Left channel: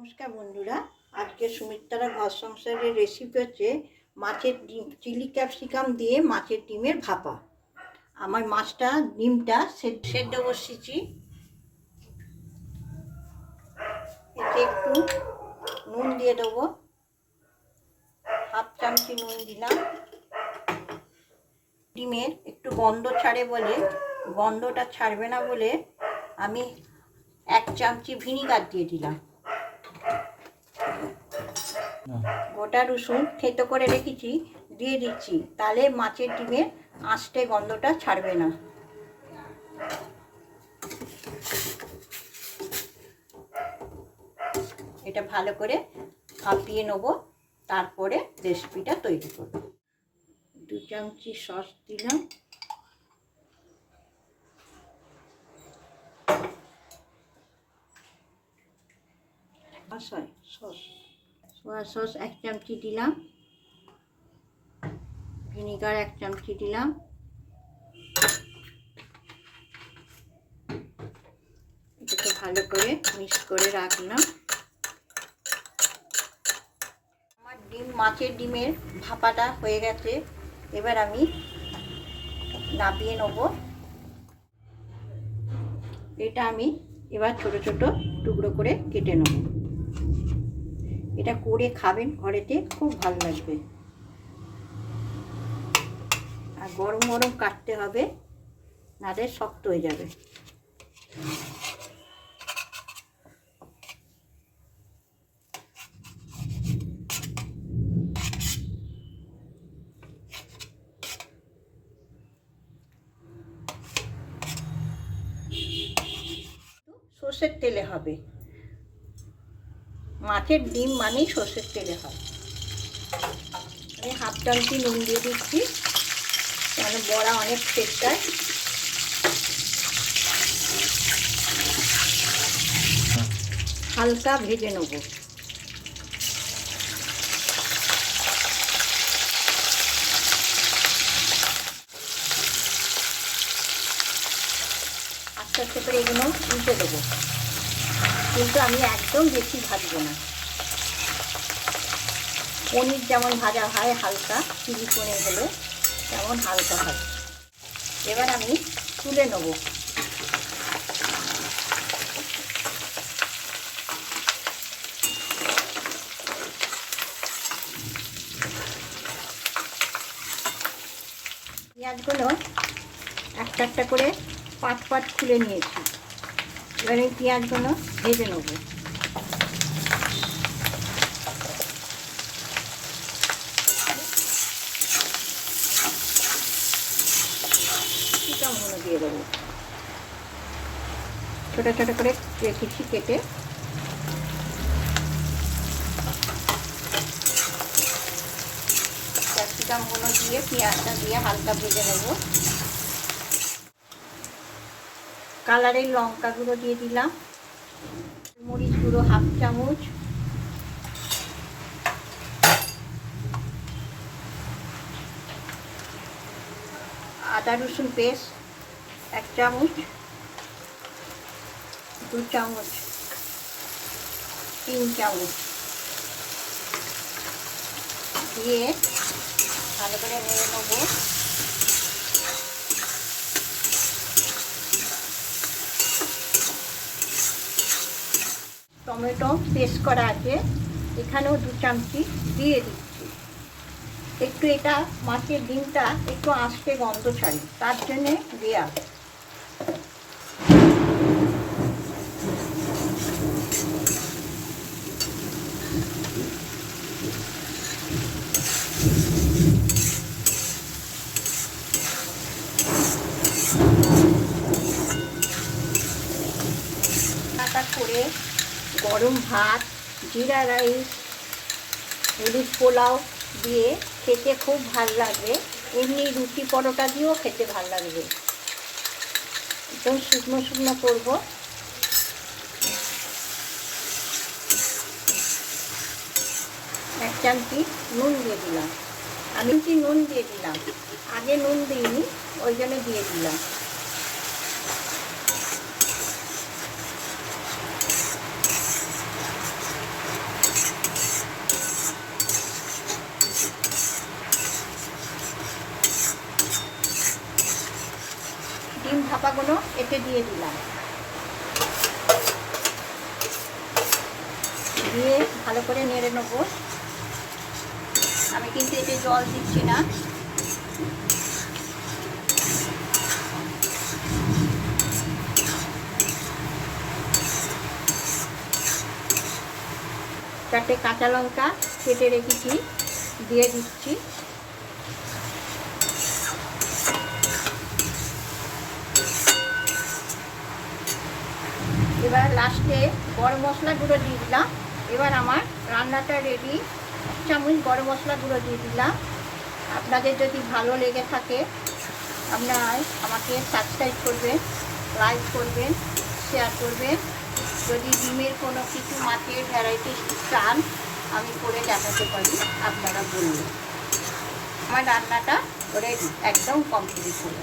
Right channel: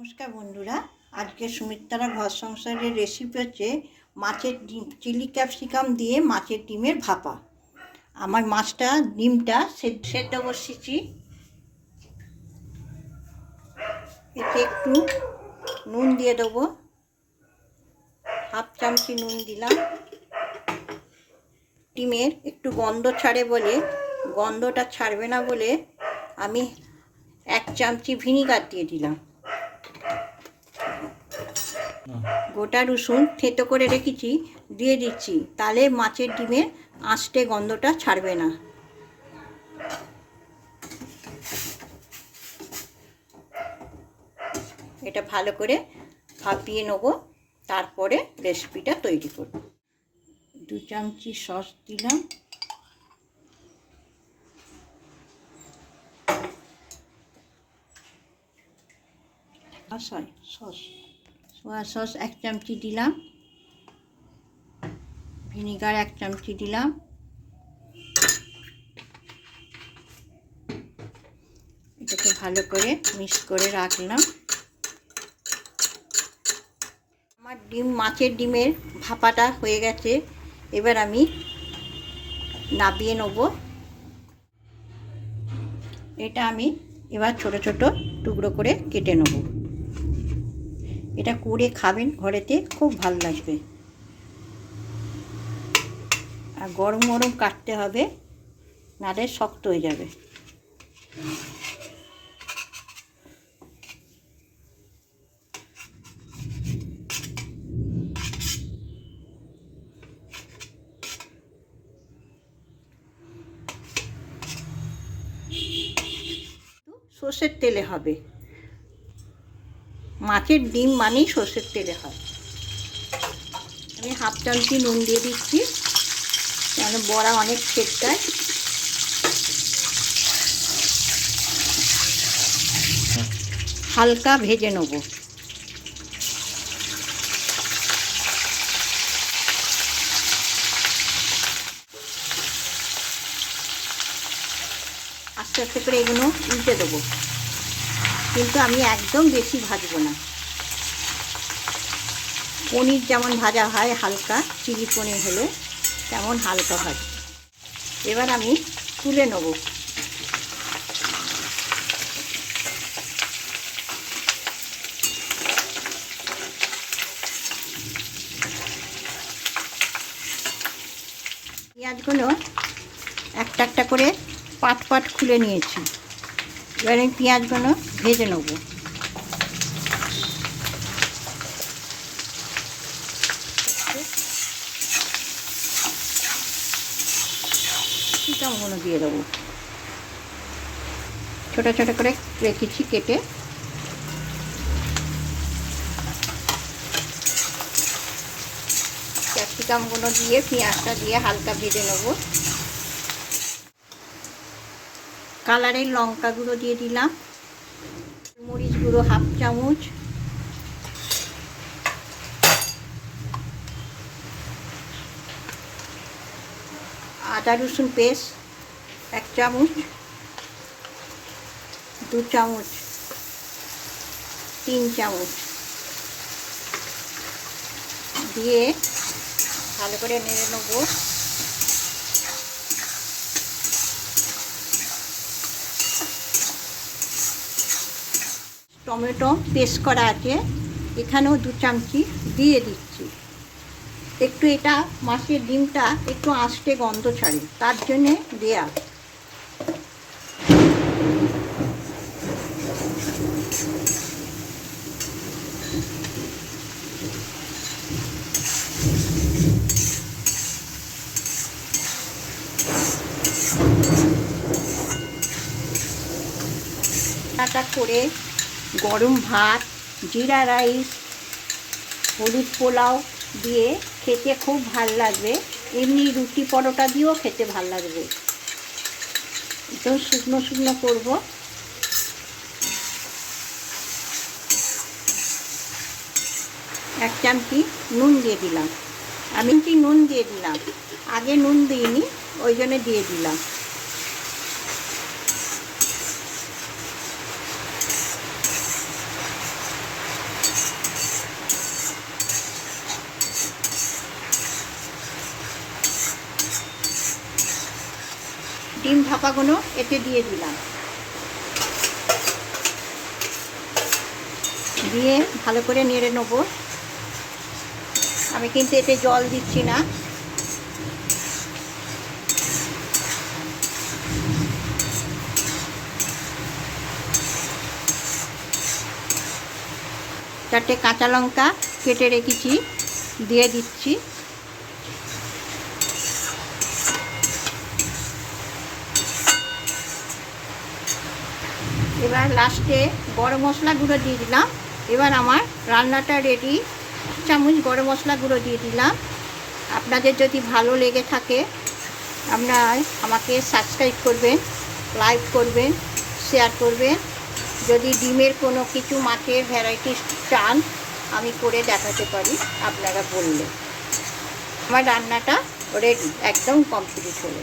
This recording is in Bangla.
নমস্কার বন্ধুরা। আজকে সুমিত্রারা ঘর সংসারের রেসিপি হচ্ছে মাছের ডিম, চিলি ক্যাপসিকাম দিয়ে মাছের ডিমের ভাপা। আমার মাছটা, ডিমটা সেদ্ধ বসিয়েছি। এতে একটু নুন দিয়ে দেবো। হাফ চামচি নুন দিলাম। ডিমের একটু গন্ধ ছাড়ে বলে, গন্ধটা ছাড়বে না বলে আমি এক চামচি ভিনিগার দিয়ে দিলাম। গোটা রসুন থেতো করে রেখেছি, দিয়ে দিচ্ছি। তাহলে মাছের ডিমের আঁশটে গন্ধটা ছাড়বে না। এটা ভালো করে ভাপিয়ে নেব, তারপরে রেসিপিটা তৈরি করব। দু চামচি সস দিলাম। সস। সোয়া সস এক চামচি দিলাম। ভিনিগার এক চামচি দিলাম। এটাকে ভালো করে মিক্স করে রাখলাম। আমার ডিম, মাছের ডিমের ভাপাটা হয়ে গেছে। এবার আমি নাপিয়ে নেব। এটা আমি এবার ছোট ছোট টুকরো করে কেটে নেব। এটা করে খাবেন ঘরেতে, খুব ভালো লাগবে। আর গরম গরম কাটতে হবে, নাহলে শক্ত হয়ে যাবে। সর্ষের তেলে হবে। মাছের ডিম মানেই সর্ষের তেলে হয়। আমি হাফ চামচি নুন দিয়ে দিচ্ছি মানে বড়া অনেক ছেটকায় হালকা ভেজে নেব। আস্তে আস্তে করে এগুলো উল্টে দেবো। কিন্তু আমি একদম বেশি ভাজবো না। পনির যেমন ভাজা হয়, হালকা চিলি পনির হলে তেমন হালকা ভাজ এবার আমি তুলে নেব। পেঁয়াজগুলো একটা একটা করে পাট পাট খুলে নিয়েছি। এবার আমি পেঁয়াজগুলো ভেজে নেব। চিকেনগুলো দিয়ে দেবো। ছোটো ছোটো করে রেখেছি কেটে। ক্যাপসিকামগুলো দিয়ে, পেঁয়াজটা দিয়ে হালকা ভেজে নেব। কালারের লঙ্কা গুঁড়ো দিয়ে দিলাম। মরিচ গুঁড়ো হাফ চামচ। আদা রসুন পেস্ট, এক চামচ, দু চামচ, তিন চামচ। দিয়ে ভালো করে নেড়ে নেব। টমেটো পেস্ট করা আছে, এখানেও দু চামচি দিয়ে দিচ্ছি। একটু এটা মাছের ডিমটা, একটু আঁচটে গন্ধ ছাড়ে, তার জন্যে দেয়া। করে গরম ভাত, জিরা রাইস, হলুদ পোলাও দিয়ে খেতে খুব ভালো লাগবে। এমনি রুটি পরোটা দিয়েও খেতে ভালো লাগবে। একদম শুকনো শুকনো করব। এক চামচি নুন দিয়ে দিলাম। আমি কি নুন দিয়ে দিলাম। আগে নুন দিইনি, ওই জন্য দিয়ে দিলাম। ভাপাগুলো এতে দিয়ে দিলাম। দিয়ে ভালো করে নেড়ে নেব। আমি কিন্তু এতে জল দিচ্ছি না। চারটে কাঁচা লঙ্কা কেটে রেখেছি, দিয়ে দিচ্ছি। এবার লাস্টে গরম মশলা গুঁড়ো দিয়ে দিলাম। এবার আমার রান্নাটা রেডি চামচ গরম মশলা গুঁড়ো দিয়ে দিলাম। আপনাদের যদি ভালো লেগে থাকে, আপনারা আমাকে সাবস্ক্রাইব করবেন লাইক করবেন শেয়ার করবেন। যদি ডিমের কোনো কিছু মাছের ভ্যারাইটি চান, আমি করে দেখাতে পারি, আপনারা বললে। আমার রান্নাটা রেডি একদম কমপ্লিট হলো।